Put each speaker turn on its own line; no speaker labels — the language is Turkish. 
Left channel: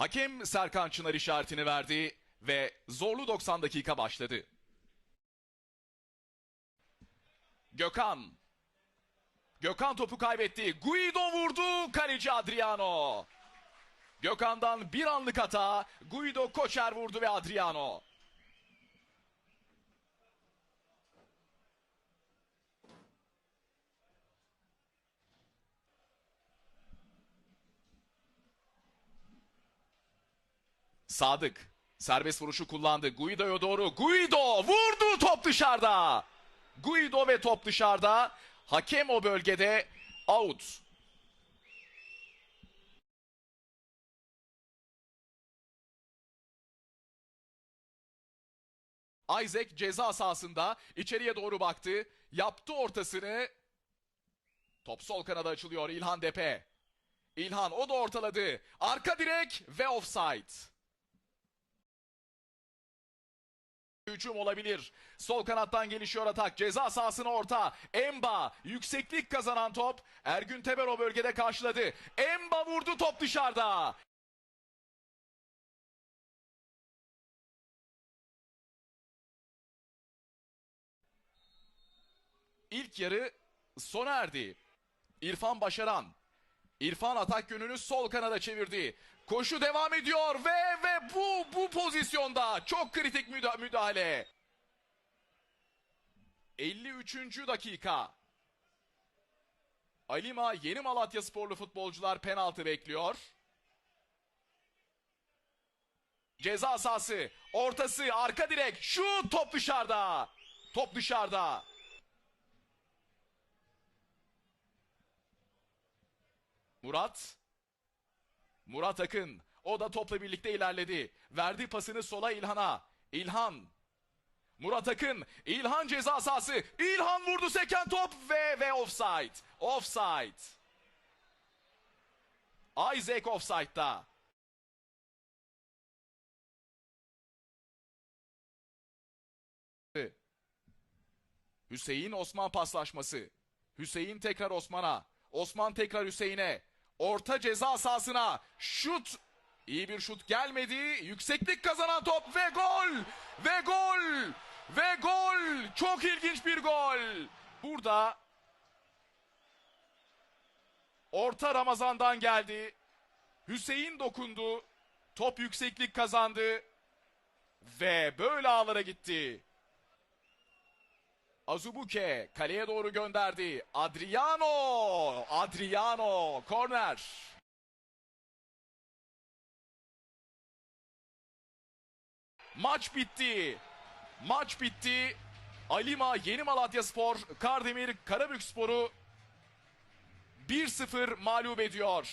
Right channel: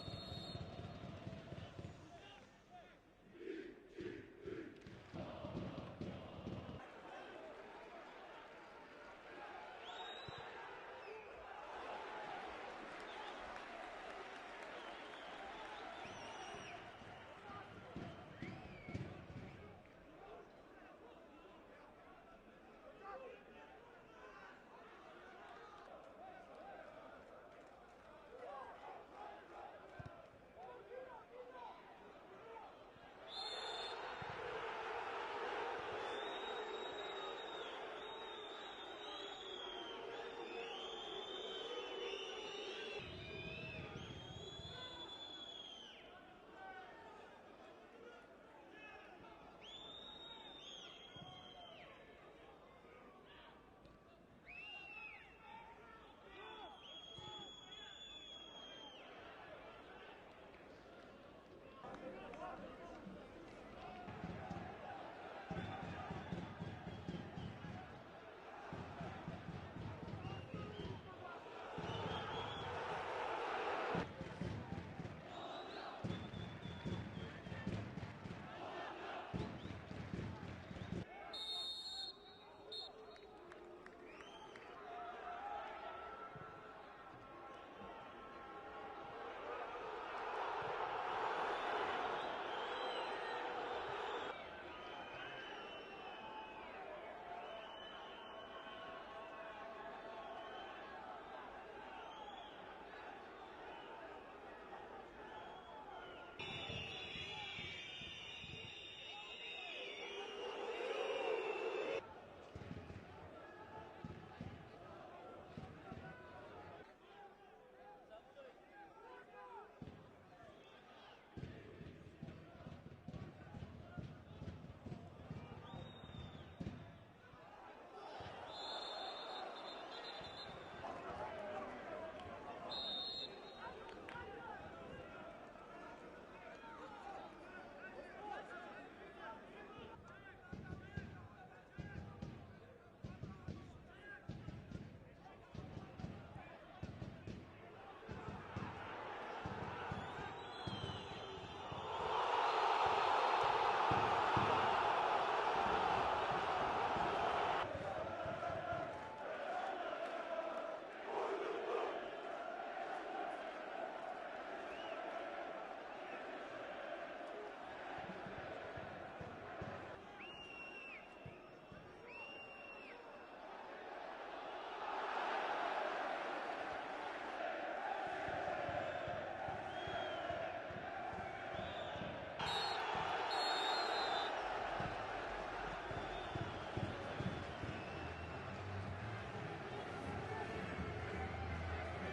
Hakem Serkan Çınar işaretini verdi ve zorlu 90 dakika başladı. Gökhan. Gökhan topu kaybetti. Guido vurdu. Kaleci Adriano. Gökhan'dan bir anlık hata. Guido Koçer vurdu ve Adriano. Sadık. Serbest vuruşu kullandı. Guido'ya doğru. Guido vurdu top dışarıda. Guido ve top dışarıda. Hakem o bölgede out. Isaac ceza sahasında içeriye doğru baktı. Yaptı ortasını. Top sol kanada açılıyor İlhan Depe. İlhan o da ortaladı. Arka direk ve offside. Hücum olabilir. Sol kanattan gelişiyor atak. Ceza sahasına orta. Emba yükseklik kazanan top. Ergün Teber o bölgede karşıladı. Emba vurdu top dışarıda. İlk yarı sona erdi. İrfan Başaran. İrfan atak yönünü sol kanada çevirdi. Koşu devam ediyor ve ve bu bu pozisyonda çok kritik müda- müdahale. 53. dakika. Alima Yeni Malatya sporlu futbolcular penaltı bekliyor. Ceza sahası, ortası, arka direk, şu top dışarıda. Top dışarıda. Murat. Murat Akın. O da topla birlikte ilerledi. Verdi pasını sola İlhan'a. İlhan. Murat Akın. İlhan ceza sahası. İlhan vurdu seken top ve ve offside. Offside. Isaac offside'da. Hüseyin Osman paslaşması. Hüseyin tekrar Osman'a. Osman tekrar Hüseyin'e. Orta ceza sahasına. Şut. İyi bir şut gelmedi. Yükseklik kazanan top ve gol. Ve gol. Ve gol. Çok ilginç bir gol. Burada orta Ramazan'dan geldi. Hüseyin dokundu. Top yükseklik kazandı. Ve böyle ağlara gitti. Azubuke kaleye doğru gönderdi. Adriano! Adriano! Korner. Maç bitti. Maç bitti. Alima Yeni Malatya Spor, Kardemir Karabük Spor'u 1-0 mağlup ediyor.